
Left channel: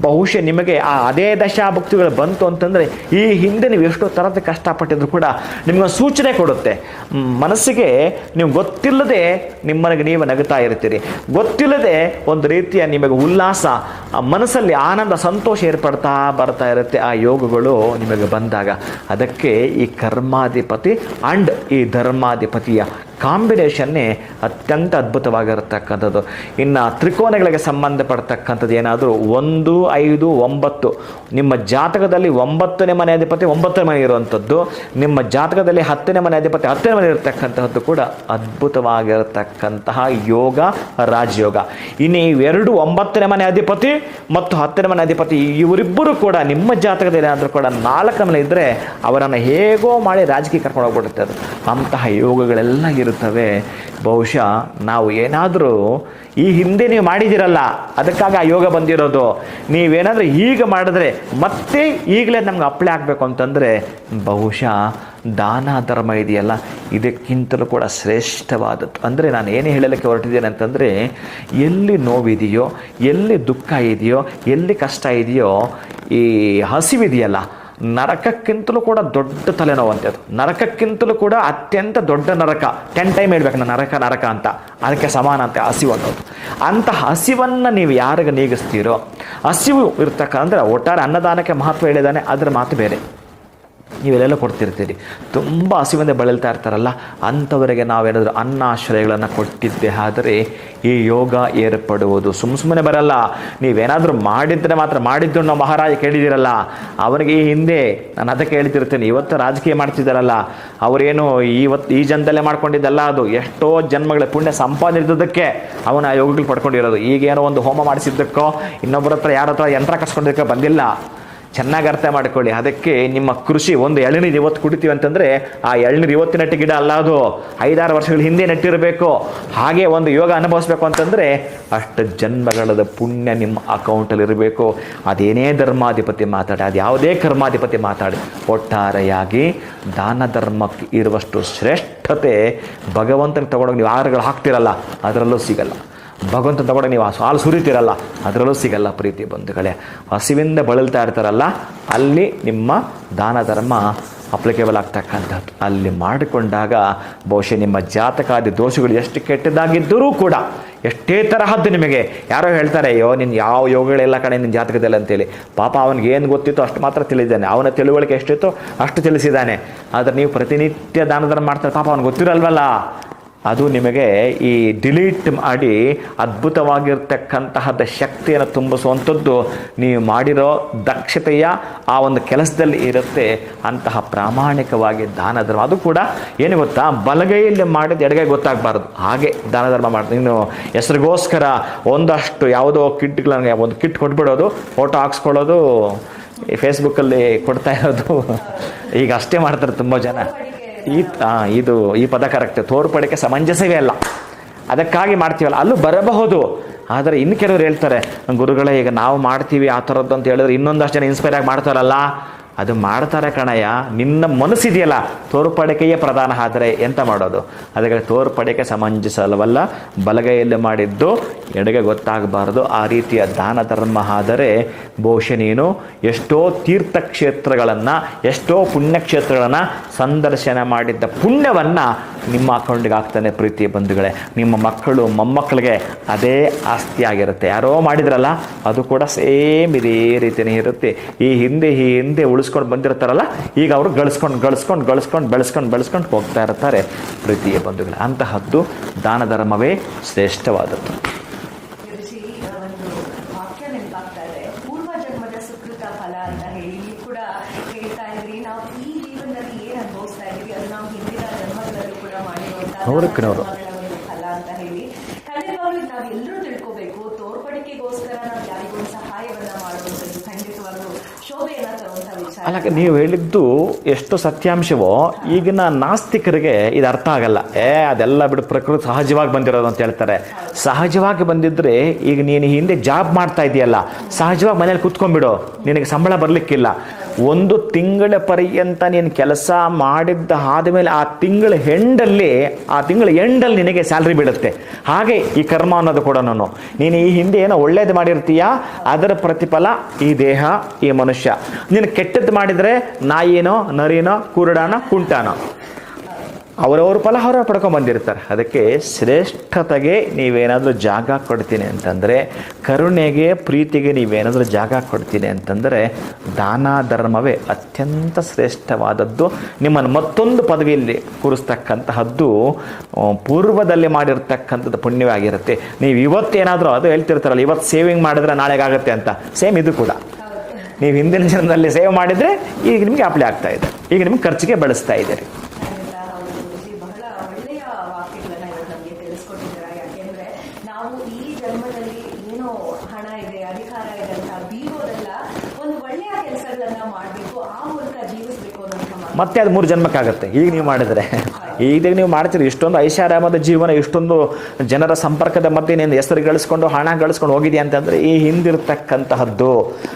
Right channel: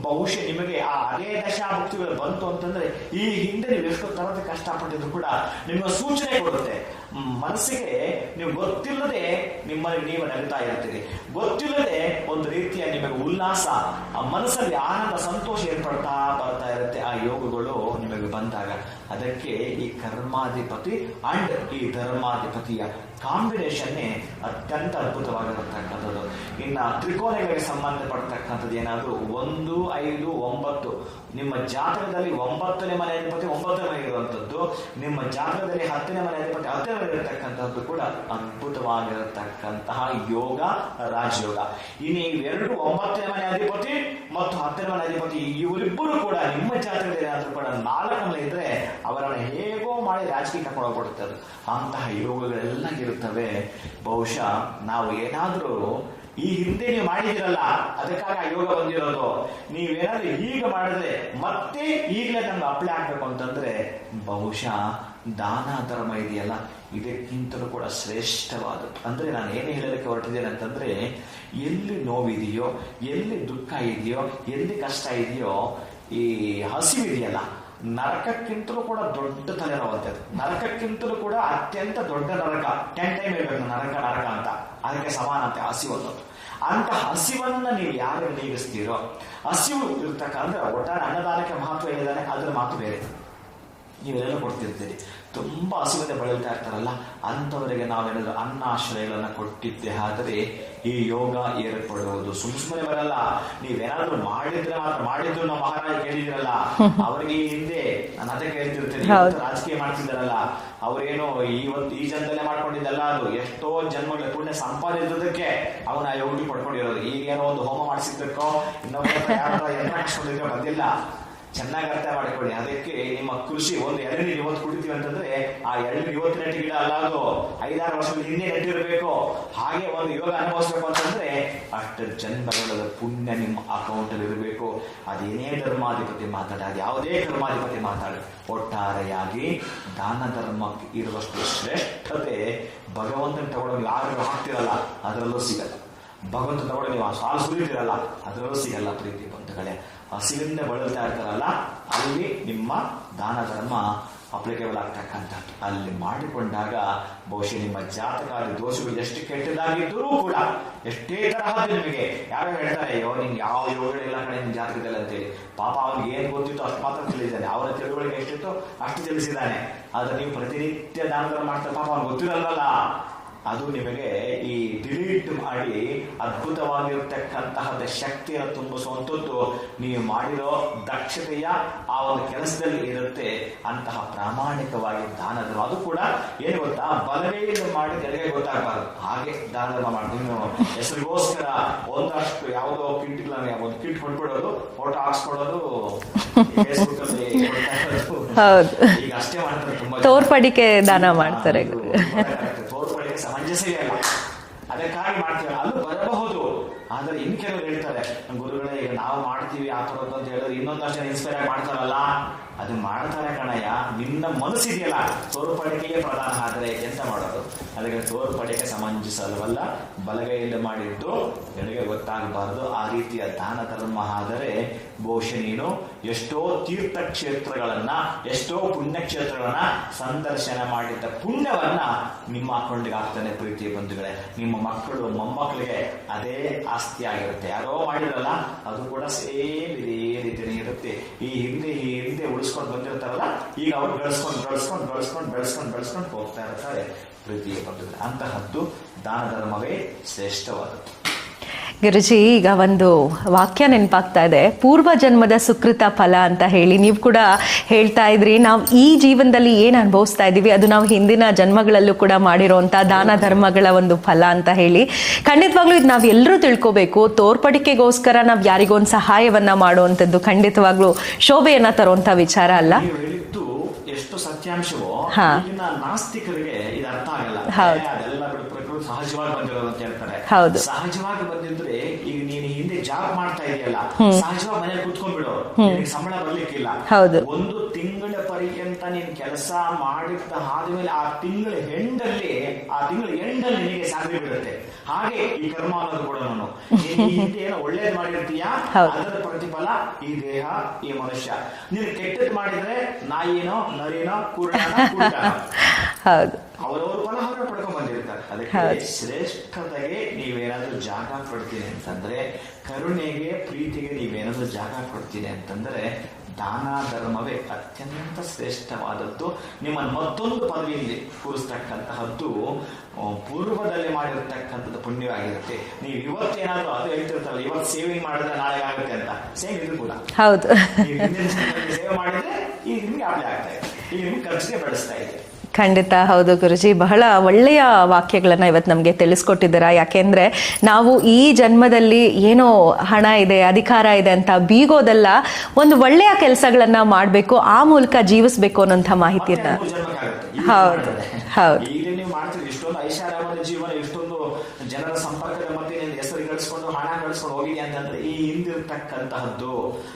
ಬಹುಶಃ ನಿಮಗೆ ಆ ಅದೇ ದಶಾಭಕ್ತಿಗಳು ಬಂತು ಅಂತಂದರೆ, ಈ ಹಿಂದೆ ನೀವು ಎಷ್ಟೋ ಥರದ ಕಷ್ಟಪಟ್ಟಿದ್ರು ಕೂಡ ನಿಮ್ಗೆ ಸೂಚನೆ ಕೊಡುತ್ತೆ. ಮನಸ್ಸಿಗೆ ನೀವು ಗೊತ್ತಿಲ್ಲದೆ ನಿಮ್ಮನೆಗೆ ನೀವು ನಗುತ್ತಾ ಇರ್ತೀರಿ. ಗೊತ್ತಿಲ್ಲದೆ ಒಂದು ರೀತಿಯ ನಿಮಗೆ ಉಲ್ಲಾಸ ಮನಸ್ಸಲ್ಲಿ ಆನಂದ, ಸಂತೋಷ ಏರ್ಪಡ್ತಾ ಬರ್ತಾ ಇರುತ್ತೆ. ಆ ಯೋಗಗಳು ನಿಮಗೆ ಅದಕ್ಕೆ ಈ ಕರ್ಮಾಧಿಪತಿ ಅಂಡ್ ಈ ಧರ್ಮಾಧಿಪತಿಯ ಕಾಂಬಿನೇಷನ್ನೇ ಅತ್ಯಂತ ಅದ್ಭುತವಾಗಿರತಕ್ಕಂಥದ್ದು. ಇನ್ನು ತ್ರಿಕೋನಗಳಿಗೆ ಸಂಬಂಧಪಡ್ತಕ್ಕಂಥದ್ದು ಏನಾದರೂ ಒಂದು, ಐದು, ಒಂಬತ್ತು. ನಿಮ್ಮ ಜಾತಕದಲ್ಲಿ ಒಂಬತ್ತನೇ ಮನೆ ಅಧಿಪತಿ, ಒಂಬತ್ತನೇ ಮನೆ ಇರುವಂಥದ್ದು. ನಿಮ್ಮ ಜಾತಕದಲ್ಲಿ ಹತ್ತನೇ ಮನೆ ಅಧಿಪತಿ, ಹತ್ತನೇ ಮನೆ ಇರತಕ್ಕಂತಹದ್ದು ಕೂಡ ಅದ್ಭುತವಾಗಿರತಕ್ಕಂತಹ ಯೋಗ, ರಾಜಯೋಗ. ಇನ್ನು ಇವೆರಡು ಒಂಬತ್ತನೇ ಮನೆ ಅಧಿಪತಿ ಮತ್ತು ಹತ್ತನೇ ಮನೆ ಅಧಿಪತಿ, ಇವರಿಬ್ಬರು ಕೂಡ ನಿಮ್ಮ ಜಾತಕದಲ್ಲಿ ಏನಾದರೂ ಕೂಡ ನಾಲ್ಕನೇ ಮನೆ ಇದ್ದರೆ ಅವರನ್ನು ಹೇಗೋ ಮಾಡಿ ರಾಜಕೀಯ ಕರ್ಕೊಂಡು ಹೋಗ್ಬಿಡುತ್ತೆ ಅದು. ಅಂತಹ ಯೋಗಗಳೆಲ್ಲ ಇರುತ್ತವೆ. ಬಹುಶಃ ನಾವು ಏನಾದರೂ ಈ ಹಿಂದೆ ನೀವು ಮಾಡಿದಿರಲ್ಲ ಅದಕ್ಕಾಗಿ ಆ ಯೋಗ ಬಂದಿರೋದು. ನೀವೇನಾದರೂ ಈಗ ಮಾಡಿದ್ರೆ ಮತ್ತೆ ಈಗಲೇ ನಮ್ಗೆ ಅಪ್ಲೈ ಆಗಬೇಕು ಅಂತಂದರೆ ಬಹುಶಃ ದಾನ ಧರ್ಮ ಇದೆಯಲ್ಲ, ಇದಕ್ಕಿಂತಲೂ ಕೂಡ ಶ್ರೇಷ್ಠವಾದದ್ದು. ಅಂದರೆ ನಾನು ಏನು ಹೇಳಲಿಕ್ಕೆ ಹೊರಟಿದ್ದೇನೆ ಅಂತಂದರೆ, ಎಲ್ಲಿ ನೋವಿದೆಯೋ, ಎಲ್ಲಿ ದುಃಖ ಇದೆಯೋ, ಎಲ್ಲಿ ಕಷ್ಟ ಇದೆಯೋ, ಈ ಹಸಿವಿದೆಯಲ್ಲ ನರಕಕ್ಕಿಂತಲೂ ಕೂಡ ದೊಡ್ಡ ತಲೆನೋವು ಅಂತ ಅದು. ನರಕಕ್ಕಿಂತಲೂ ಕೂಡ ಅತ್ಯಂತ ದೊಡ್ಡ ನರಕ. ಟೆನ್ ಟೈಮ್ ಹೇಳ್ಬೇಕು ನಾನು, ನರಕ ನರಕ ಅಂತ. ಅದಕ್ಕೆ ಸಮಾನ ಅಂತ ಹಸಿವು ಅನ್ನೋದು. ಅಂಥ ಹಸಿವನ್ನು ನೀವು ಯಾರಿಗೆ ನೀಗಿಸ್ತೀರೋ, ಹಸಿವು ಇರ್ತಕ್ಕ ಅಂದರೆ ಒಟ್ಟಾರೆ ಅನ್ನದಾನಕ್ಕೆ ಮಹತ್ವ ಹೇಳಿದಾನೆ ಅದರ ಮಾತು ಬೇರೆ. ನೀವೆಲ್ಲೆಲ್ಲ ಕೊಡ್ತಿರ್ತೀರಿ. ತುಂಬ ಹಸಿವಿಂದ ಬಳಲ್ತಾ ಇರ್ತಾರಲ್ಲ ಅಂಥವರಿಗೆ ನಾವೇನಾದರೂ ಅನ್ನಾಶ್ರಯಗಳನ್ನು ಕೊಟ್ಟಿದ್ದೆ ಆದರೆ ಈ ಯೋಗ ಏರ್ಪಡುವುದು. ಸುಮ್ಮ ಸುಮ್ಮನೆ ಬರಲ್ಲ ನೀವೇನಾದರೂ ಮಾಡಿದ್ರೆ ಮಾತ್ರ ಮಾಡಿದ್ದು ನಾವು ಮಹಾರಾಜ ಕೇಳಿದಿರಲ್ಲ ಅವನಿಗೆ ಈ ಹಿಂದೆ ನಾನು ಅದಕ್ಕೆ ಹೇಳ್ತಿರ್ತೇನೆ ಇವತ್ತು ರಾಜಕೀಯ ಮಾಡ್ತಿದ್ದಾರಲ್ಲ ಅವರೇನು ಇವತ್ತು ಈ ಜನದಲ್ಲೇ ಮಾಡ್ಕೊಂಡಿದ್ದಲ್ಲ ಅದು ಎಷ್ಟೋ ಜನ್ಮಗಳ ಪುಣ್ಯ ಸಂಪಾದನೆ ಇದ್ದದಕ್ಕೆ ಅವನ ಆ ಯೋಗಗಳು ಪಡ್ಕೊಂಡಿರೋದು. ಈಗೇನೋ ಒಂದು ಹೋಮ ಮಾಡಿಸಿದ್ದಕ್ಕೋ ಇನ್ನೊಬ್ಬರ ಹತ್ರ ಯಾರ ಹತ್ರ ಯಂತ್ರ ಕಸ್ಕೊಂಡಿದ್ದಕ್ಕೆ ಬಂದಿಲ್ಲ. ಚೆನ್ನಾಗಿ ಅರ್ಥ ಮಾಡ್ಕೊಳ್ಳಿ. ಅದಕ್ಕೆ ನಿಮ್ಮ ಕೃಷಿ, ಒಂದು ಎಳನೀರು ಇವತ್ತು ಕುಡಿತೀವಿ ಅಂತಂದ್ರೆ ಆ ಎಳನೀರು ಇವತ್ತು ನೆಟ್ಟ ಗಿಡ ಅಲ್ಲ ಅದು. ಐದಾರು ವರ್ಷಗಳ ಹಿಂದೆ ನೆಟ್ಟಿರಬೇಕು. ಹಾಗೆ ಒಂದು ಯೋಗ ಅನುಭವಿಸ್ಬೇಕು ಅಂತಂದ್ರೆ ಅಷ್ಟು ಜನ್ಮಗಳದ ಪುಣ್ಯ ನಿಮ್ಮ ಅಕೌಂಟಲ್ಲಿ ಇರಬೇಕು. ಅದೇನೇ ಧರ್ಮಾಧಿಪತಿ ಮಾತಾಡಿ, ಅದು ಯಾವುದೇ ಕರ್ಮಾಧಿಪತಿ ಮಾತಾಡಿ, ಒಟ್ಟಾರೆಯಾಗಿ ದಾನ ಧರ್ಮಕ್ಕೆ ಇರುವಷ್ಟು ಶ್ರೇಷ್ಠತೆ ಭಗವಂತನ ತಗೊಂಡೋಗಿ ನೀವು ಆಹಾರಗಳು ಹಾಕ್ತಿರಲ್ಲ, ಅದರಲ್ಲೂ ಸಿಗಲ್ಲ. ಭಗವಂತ ತಗೊಂಡ ನೀವು ಹಾಲು ಸುರಿತೀರಲ್ಲ, ಅದರಲ್ಲೂ ಸಿಗಲ್ಲ ಪ್ರೀತಿ ಬಂಧುಗಳೇ. ಹಸಿವಿಂದ ಬಳಲ್ತಾ ಇರ್ತಾರಲ್ಲ, ಅಲ್ಲಿ ನಿಮ್ಮ ದಾನ ಧರ್ಮ ಅಪ್ಲಿಕೇಬಲ್ ಆಗ್ತಕ್ಕಂಥದ್ದು ಅಲ್ಲಿ ಮಾಡಿಕೊಂಡಾಗ ಬಹುಶಃ ನಿಮ್ಮ ಜಾತಕಾದಿ ದೋಷಗಳು ಎಷ್ಟು ಕೆಟ್ಟದಾಗಿದ್ದರೂ ಕೂಡ, ಎಷ್ಟೇ ತರಹದ್ದು ನಿಮಗೆ. ಯಾರೋ ಹೇಳ್ತಾರೆ, ಅಯ್ಯೋ ನಿನ್ನ ಯಾವ ಯೋಗಗಳೆಲ್ಲ ಕಡೆ ನಿನ್ನ ಜಾತಕದಲ್ಲಿ ಅಂತೇಳಿ. ಪಾಪ ಅವನಿಗೆ ಏನು ಗೊತ್ತಿತ್ತು ಅಷ್ಟು ಮಾತ್ರ ತಿಳಿದಿದ್ದಾನೆ. ಅವನ ತಿಳುವಳಿಕೆ ಎಷ್ಟಿತ್ತು ಅಷ್ಟು ತಿಳಿಸಿದ್ದಾನೆ. ಆದರೆ ನೀವು ಪ್ರತಿನಿತ್ಯ ದಾನ ಧರ್ಮ ಮಾಡ್ತಾರೆ, ಪಾಪ ಅವನಿಗೆ ಗೊತ್ತಿರಲ್ವಲ್ಲ. ಅದು ನಿಮಗೆ ಈ ಡಿಲೀಟ್ ಮಾಡಿ ಅದ್ಭುತವಾಗಿರ್ತಕ್ಕಂತಹದ ಶಕ್ತಿಯನ್ನು ತುಂಬಿಸುವಂಥದ್ದು ನೀವು ಮಾಡಿರೋ ದಕ್ಷತೆಯ ಆ ಒಂದು ಕೆಲಸದಲ್ಲಿ ಇರುತ್ತೆ ಅಂತಹ ಪ್ರಾಮಾಣಿಕವಾಗಿ ದಾನ ಧರ್ಮ. ಅದು ಕೂಡ ಏನು ಗೊತ್ತಾ? ಬಲಗೈಯಲ್ಲಿ ಮಾಡಿದ ಎಡಗೈ ಗೊತ್ತಾಗಬಾರ್ದು. ಹಾಗೆ ದಾನ ಧರ್ಮ ಮಾಡ್ತೀನಿ. ನೀನು ಹೆಸರಿಗೋಸ್ಕರ ಒಂದಷ್ಟು ಯಾವುದೋ ಕಿಟ್ಗಳನ್ನ ಒಂದು ಕಿಟ್ ಕೊಟ್ಬಿಡೋದು ಫೋಟೋ ಹಾಕ್ಸ್ಕೊಳ್ಳೋದು ಫೇಸ್ಬುಕ್ಕಲ್ಲಿ ಕೊಡ್ತಾ ಇರೋದು. ಈಗ ಅಷ್ಟೇ ಮಾಡ್ತಾರೆ ತುಂಬ ಜನ. ಇದು ಈ ಪದ ಕರೆಕ್ಟ್ ತೋರ್ಪಡಿಕೆ ಸಮಂಜಸವೇ ಅಲ್ಲ. ಅದಕ್ಕಾಗಿ ಮಾಡ್ತೀವಲ್ಲ. ಅಲ್ಲೂ ಬರಬಹುದು. ಆದರೆ ಇನ್ನು ಕೆಲವರು ಹೇಳ್ತಾರೆ, ಗುರುಗಳೇ, ಈಗ ನಾವು ಮಾಡ್ತೀವಿ ಆ ಥರದ್ದು ಅಂತ ಹೇಳಿದ್ರೆ ಇನ್ನೊಂದಷ್ಟು ಜನ ಇನ್ಸ್ಪೈರ್ ಆಗಿ ಮಾಡ್ತಾರಲ್ಲ. ಅದು ಮಾಡ್ತಾರೆ ಕಣಯ್ಯ. ನಿನ್ನ ಮನಸ್ಸಿದೆಯಲ್ಲ. ತೋರ್ಪಡಿಕೆಯೇ ಪ್ರಧಾನ ಆದರೆ ಎಂತ ಮಾಡೋದು? ಅದಕ್ಕೆ ತೋರ್ಪಡಿಕೆ ಸಮಂಜಸವಲ್ಲ ಬಲಗೈಯಲ್ಲಿ ಮಾಡಿದ್ದು ಎಡಗೆ ಗೊತ್ತಾಗಬಾರದು. ಆ ರೀತಿಯ ದಾನ ಧರ್ಮ ಆದರೆ ಬಹುಶಃ ನೀನು ಎಷ್ಟೋ ತೀರ್ಥಕ್ಷೇತ್ರಗಳನ್ನು, ಎಷ್ಟೋ ಪುಣ್ಯಕ್ಷೇತ್ರಗಳನ್ನು ಸಂದರ್ಶನ ಮಾಡಿದ್ದ ಪುಣ್ಯವನ್ನು ನಿಮ್ಮ ಅಕೌಂಟಿಗೆ ಆಗ್ತಾನೆ ಪ್ರೀತಿಯ ಬಂಧುಗಳೇ. ನಿಮ್ಮ ಮಕ್ಕಳು, ಮೊಮ್ಮಕ್ಕಳಿಗೆ ಅದೇ ಆಸ್ತಿ ಆಗಿರುತ್ತೆ ಯಾರೋ ಮಾಡಿದ್ರಲ್ಲ, ಅದು ಕೂಡ ಸೇಮ್ ಇದೇ ರೀತಿಯೇ ಇರುತ್ತೆ. ಈ ಹಿಂದೆ ಈ ಹಿಂದೆ ಉಳಿಸ್ಕೊಂಡು ಬಂದಿರ್ತಾರಲ್ಲ, ಈಗ ಅವರು ಗಳಿಸ್ಕೊಂಡು ಗಳಿಸ್ಕೊಂಡು ಗಳಿಸ್ಕೊಂಡು, ಬೆಳೆಸ್ಕೊಂಡು ಬೆಳೆಸ್ಕೊಂಡು ಹೋಗ್ತಾ ಇರ್ತಾರೆ ಪ್ರೀತಿಯ ಬಂಧುಗಳೇ. ಅಂತಹದ್ದು ದಾನ ಧರ್ಮವೇ ಶ್ರೇಷ್ಠವಾದದ್ದು.
ಗುರುಜಿ ಈಗ ಒಂದು ವಾಕ್ಯ ನೆನಪಾಗ್ತಾ ಇದೆ. ಪೂರ್ವ ಜನ್ಮದ ಸುಕೃತ ಫಲ ಅಂತ ಹೇಳಿ ನೀವು ಕೂಡ ಹೇಳ್ತಾ ಇದ್ರಿ. ನಾವು ಈ ಜೀವನದಲ್ಲಿ ಏನು ಅನುಭವಿಸ್ತಾ ಇದ್ದೀವಿ ಅದು ನಾವು ಹಿಂದಿನ ಜನ್ಮಗಳಲ್ಲೂ ಕೂಡ ಮಾಡಿರೋವಂಥ ದಾನ ಧರ್ಮಗಳ ಒಂದು ಫಲ ಅಂತ ಹೇಳಿ. ಖಂಡಿತವಾಗ್ಲೂ ಇದು ನಾವು ಎಲ್ಲರೂ ತಿಳ್ಕೋಬೇಕು. ತೋರ್ಪಡಿಕೆಗೋಸ್ಕರ ನಾವು ಯಾರಿಗೊಂದು ಸಹಾಯವನ್ನ ಮಾಡುವಂಥದ್ದು ಖಂಡಿತವಾಗ್ಲೂ ಶೋಭೆಯನ್ನ ತರುವಂಥ ವಿಚಾರ ಅಲ್ಲ.
ನೀವು ಹೇಳಿದ್ದು ಎಷ್ಟು ಸತ್ಯಾಂಶವೋ. ಈಗಿನ ನಾಸ್ತಿಕರಿಗೆ ಇದು ಅರ್ಥ ಆಗಲ್ಲ. ಅದೆಲ್ಲ ಬಿಡು ಪ್ರಕೃತಿ ಸಹಜವಾಗಿ ಬಂದಿರೋದು ಅಂತ ಹೇಳ್ತಾರೆ. ಸಹಜವಾಗಿ ಬಂದಿದ್ರೆ ಈಗ ನೀನು ಹಿಂದೆ ಜಾಬ್ ಮಾಡ್ತಾ ಇದೆಯಲ್ಲ ಸಹಜವಾಗಿ ಮನೇಲಿ ಕುತ್ಕೊಂಡ್ಬಿಡು ನಿನಗೆ ಸಂಬಳ ಬರ್ಲಿಕ್ಕಿಲ್ಲ. ಒಂದು ತಿಂಗಳ ಪರ್ಯಂತ ನೀನು ಕೆಲಸ ಮಾಡಿದ್ದ ಆದ್ಮೇಲೆ ಆ ತಿಂಗಳ ಹೆಂಡಲ್ಲಿ ಆ ತಿಂಗಳ ಎಂಡಲ್ಲಿ ನಿನಗೆ ಸ್ಯಾಲ್ರಿ ಬೀಳುತ್ತೆ. ಹಾಗೆ ಈ ಕರ್ಮ ಅನ್ನೋದು ಕೂಡ ನಾನು. ನೀನು ಈ ಹಿಂದೆ ಏನೋ ಒಳ್ಳೇದು ಮಾಡಿರ್ತೀಯ? ಅದರ ಪ್ರತಿಫಲ ಈ ದೇಹ ಈ ಮನುಷ್ಯ. ನೀನು ಕೆಟ್ಟದ್ದು ಮಾಡಿದ್ರೆ ನಾಯಿನೋ ನರಿನೋ ಕುರುಡಾನೋ ಕುಂಟಾನೋ. ಅವರವ್ರ ಫಲ ಅವರವ್ರು ಪಡ್ಕೊಂಡ್ ಬಂದಿರ್ತಾರೆ. ಅದಕ್ಕೆ ಶ್ರೇಷ್ಠತೆಗೆ ನೀವೇನಾದರೂ ಜಾಗ ಕೊಡ್ತೀನಿ ಅಂತಂದ್ರೆ ಕರುಣೆಗೆ ಪ್ರೀತಿಗೆ ನೀವೇನಾದರೂ ಜಾಗ ಕೊಡ್ತೀನಿ ಅಂತಂದ್ರೆ ದಾನ ಧರ್ಮವೇ ಅತ್ಯಂತ ಶ್ರೇಷ್ಠವಾದದ್ದು. ನಿಮ್ಮನ್ನು ಮತ್ತೊಂದು ಪದವಿಯಲ್ಲಿ ಕೂರಿಸ್ತಕ್ಕಂತಹದ್ದು ಪೂರ್ವದಲ್ಲಿ ಮಾಡಿರ್ತಕ್ಕಂಥದ್ದು ಪುಣ್ಯವಾಗಿರುತ್ತೆ ನೀವು ಇವತ್ತೇನಾದ್ರೂ ಅದು ಹೇಳ್ತಿರ್ತಾರಲ್ಲ ಇವತ್ತು ಸೇವಿಂಗ್ ಮಾಡಿದ್ರೆ ನಾಳೆಗಾಗುತ್ತೆ ಅಂತ. ಸೇಮ್ ಇದು ಕೂಡ.
ಹೌದು.
ನೀವು ಹಿಂದಿನ ಜನದಲ್ಲಿ ಸೇವ್ ಮಾಡಿದ್ರೆ ಈಗ ನಿಮಗೆ ಅಪ್ಲೈ ಆಗ್ತಾ ಇದೆ. ಈಗ ನಿಮ್ಗೆ ಖರ್ಚಿಗೆ ಬಳಸ್ತಾ ಇದ್ದೀರಿ.
ಖಂಡಿತ ಹೌದು ಗುರುಜಿ. ಬಹಳ ಒಳ್ಳೆಯ ವಾಕ್ಯಗಳನ್ನು ಇವತ್ತು ನಮಗೆ ತಿಳಿಸ್ಕೊಟ್ಟಿದ್ದೀರಾ. ಯಾಕೆಂದರೆ ನಾವು ಈ ಜನ್ಮದಲ್ಲಿ ಏನೋ ಹಣ ಇದೆ ಅಧಿಕಾರ ಇದೆ ಅಂತ ಬೀಗೋದಲ್ಲ ಒಂದು ಒಳ್ಳೆಯ ಕೆಲಸಗಳನ್ನು ಮಾಡಬೇಕು ಆ ಮೂಲಕ ಜೀವಿಸಬೇಕು ಅನ್ನೋಂಥ ಮಾಹಿತಿ
ಮೂರು ಜನ್ಮಕ್ಕಾಗತ್ತೆ. ಈಗ ಮಾಡಿದರೆ.
ಮಾಡಿದ್ರೆ
ಈಗ ನೀವು ಮಾಡ್ತೀರಿ ಇಷ್ಟೊಂದು ಐಷಾರಾಮದ ಜೀವನ ಇಷ್ಟೊಂದು ಜನರ ಸಂಪರ್ಕದ ಮತ್ತೆ ನೀನು ಹೆಸರು ಗಳಿಸ್ಕೊಂಡು ಹಣ ಗಳಿಸ್ಕೊಂಡು ಹೋಗಿದೆಯಾ ಅಂತಂದ್ರೆ ಈ ಹಿಂದಿರ್ತಕ್ಕಂತಹದ್ದು.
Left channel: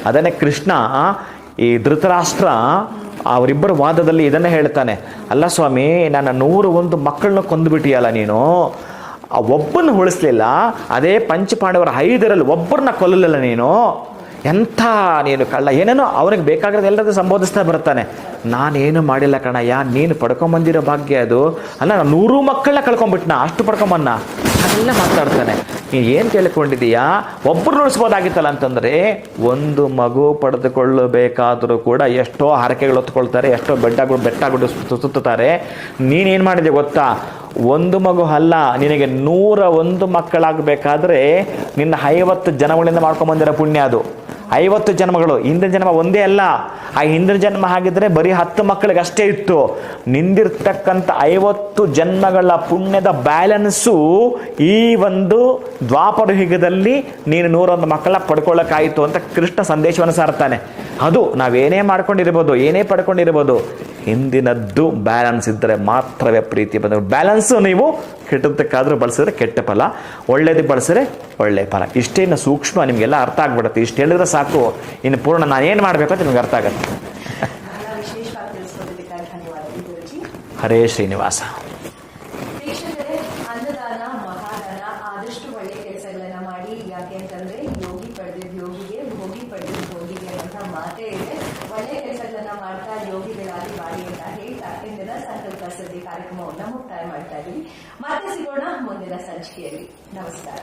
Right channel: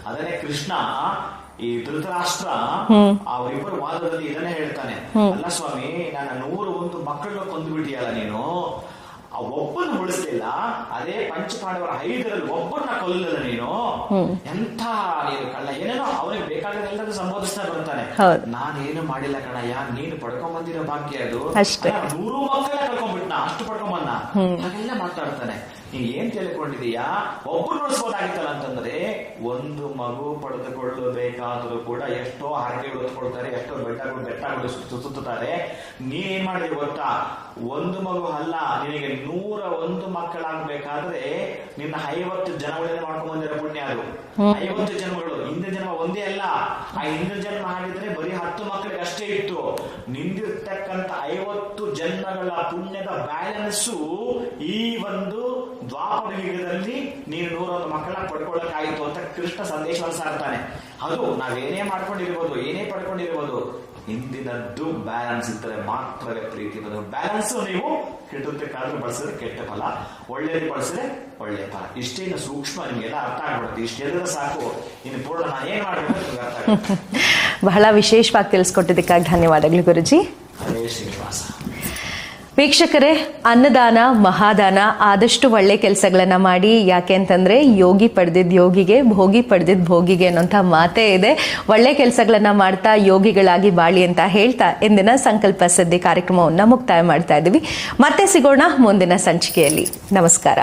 ಅದನ್ನೇ ಕೃಷ್ಣ ಈ ಧೃತರಾಷ್ಟ್ರ ಅವರಿಬ್ಬರ ವಾದದಲ್ಲಿ ಇದನ್ನ ಹೇಳ್ತಾನೆ. ಅಲ್ಲ ಸ್ವಾಮಿ ನನ್ನ ನೂರು ಒಂದು ಮಕ್ಕಳನ್ನ ಕೊಂದ್ಬಿಟ್ಟಿಯಲ್ಲ ನೀನು? ಆ ಒಬ್ಬನ ಉಳಿಸ್ಲಿಲ್ಲ ಅದೇ ಪಂಚಪಾಂಡವರ ಐದರಲ್ಲಿ ಒಬ್ಬರನ್ನ ಕೊಲ್ಲಲಿಲ್ಲ ನೀನು. ಎಂಥ ನೀನು ಕಳ್ಳ ಏನೇನೋ ಅವನಿಗೆ ಬೇಕಾಗಿರೋದು ಎಲ್ಲದೂ ಸಂಬೋಧಿಸ್ತಾ ಬರ್ತಾನೆ
ನಾನು
ನಾನೇನು ಮಾಡಿಲ್ಲ ಕಣಯ್ಯ ನೀನು ಪಡ್ಕೊಂಬಂದಿರೋ ಭಾಗ್ಯ ಅದು. ಅಲ್ಲ ನೂರು ಮಕ್ಕಳನ್ನ ಕಳ್ಕೊಂಡ್ಬಿಟ್ನ ಅಷ್ಟು ಪಡ್ಕೊಂಬನ್ನ ಅದೆಲ್ಲ ಮಾತಾಡ್ತಾನೆ. ನೀನ್ ಏನ್ ತಿಳ್ಕೊಂಡಿದೀಯಾ ಒಬ್ರು ಉಳಿಸ್ಬೋದಾಗಿತ್ತಲ್ಲ ಅಂತಂದ್ರೆ ಒಂದು ಮಗು ಪಡೆದುಕೊಳ್ಳಬೇಕಾದ್ರೂ ಕೂಡ ಎಷ್ಟೋ ಹರಕೆಗಳು ಹೊತ್ಕೊಳ್ತಾರೆ ಎಷ್ಟೋ ಬೆಟ್ಟಗಳು ಬೆಟ್ಟಗಳು ಸುತ್ತುತ್ತಾರೆ. ನೀನೇನ್ ಮಾಡಿದೆ ಗೊತ್ತಾ? ಒಂದು ಮಗು ಅಲ್ಲ ನಿನಗೆ ನೂರ ಒಂದು ಮಕ್ಕಳಾಗಬೇಕಾದ್ರೆ ನಿನ್ನ ಐವತ್ತು ಜನಗಳಿಂದ ಮಾಡ್ಕೊಂಡ್ ಬಂದಿರೋ ಪುಣ್ಯ ಅದು. ಐವತ್ತು ಜನ್ಮಗಳು ಹಿಂದಿನ ಜನ್ಮ ಒಂದೇ ಅಲ್ಲ. ಆ ಹಿಂದಿನ ಜನ್ಮ ಆಗಿದ್ರೆ ಬರೀ ಹತ್ತು ಮಕ್ಕಳಿಗೆ ಅಷ್ಟೇ ಇತ್ತು. ನಿಂದಿರ್ತಕ್ಕಂಥ ಐವತ್ತು ಜನ್ಮಗಳ ಪುಣ್ಯದ ಬ್ಯಾಲೆನ್ಸು ಈ ಒಂದು ದ್ವಾಪರ ಯುಗದಲ್ಲಿ ನೀನು ನೂರೊಂದು ಮಕ್ಕಳ ಪಡ್ಕೊಳ್ಳೋಕ್ಕಾಯಿತು ಅಂತ ಕೃಷ್ಣ ಸಂದೇಶವನ್ನು ಸಾರ್ತಾನೆ ಅದು ನಾವೇನೇ ಮಾಡ್ಕೊಂಡಿರ್ಬೋದು, ಏನೇ ಪಡ್ಕೊಂಡಿರ್ಬೋದು, ಹಿಂದಿನದ್ದು ಬ್ಯಾಲೆನ್ಸ್ ಇದ್ದರೆ ಮಾತ್ರವೇ ಪ್ರೀತಿ ಬಂದ ಬ್ಯಾಲೆನ್ಸ್ ನೀವು ಕೆಟ್ಟದಕ್ಕಾದ್ರೂ ಬಳಸಿದ್ರೆ ಕೆಟ್ಟ ಫಲ ಒಳ್ಳೇದಕ್ಕೆ ಬಳಸಿದ್ರೆ ಒಳ್ಳೆ ಫಲ. ಇಷ್ಟೇನು ಸೂಕ್ಷ್ಮ ನಿಮಗೆಲ್ಲ ಅರ್ಥ ಆಗ್ಬಿಡುತ್ತೆ. ಇಷ್ಟು ಹೇಳಿದ್ರೆ ಸಾಕು. ಇನ್ನು ಪೂರ್ಣ ನಾನು ಏನು ಮಾಡಬೇಕು ಅಂತ ನಿಮ್ಗೆ ಅರ್ಥ ಆಗುತ್ತೆ.
ಬಹಳ ವಿಶೇಷವಾಗಿ ತಿಳಿಸ್ಕೊಟ್ಟಿದ್ದಕ್ಕಾಗಿ ಧನ್ಯವಾದಗಳು ಗುರುಜಿ.
ಹರೇ ಶ್ರೀನಿವಾಸ.
ವೀಕ್ಷಕರೇ, ಅನ್ನದಾನ, ಮಹಾದಾನ ಆದಷ್ಟು ಒಳ್ಳೆ ಕೆಲಸಗಳನ್ನು ಮಾಡಿ. ಯಾಕೆ ಅಂತಂದ್ರೆ, ಯೋಗಿ ಪಡೆದಿದ್ದ ಯೋಗಿಗೆ, ಭೋಗಿ ಪಡೆದಿದ್ದ ಭೋಗಿಗೆ ಅನ್ನೋಂಥ ಮಾತೇ ಇದೆ. ಒಳ್ಳೆ ಕೆಲಸಗಳನ್ನು ಮಾಡ್ತಾ ಯೋಗಿಗಳಾಗಿ ಬಾಳಿ ಅಂತ ಹೇಳ್ತಾ ಇಂದಿನ ಸಂಕಲ್ಪ ಸದ್ದಿ ಕಾರ್ಯಕ್ರಮವನ್ನು ಮುಕ್ತಾಯ ಮಾಡ್ತಾ ಇದ್ದೀವಿ ಮತ್ತೆ ಸಿಗೋಣ ಮುಂದಿನ ಸಂಚಿಕೆಯಲ್ಲಿ. ನಮಸ್ಕಾರ.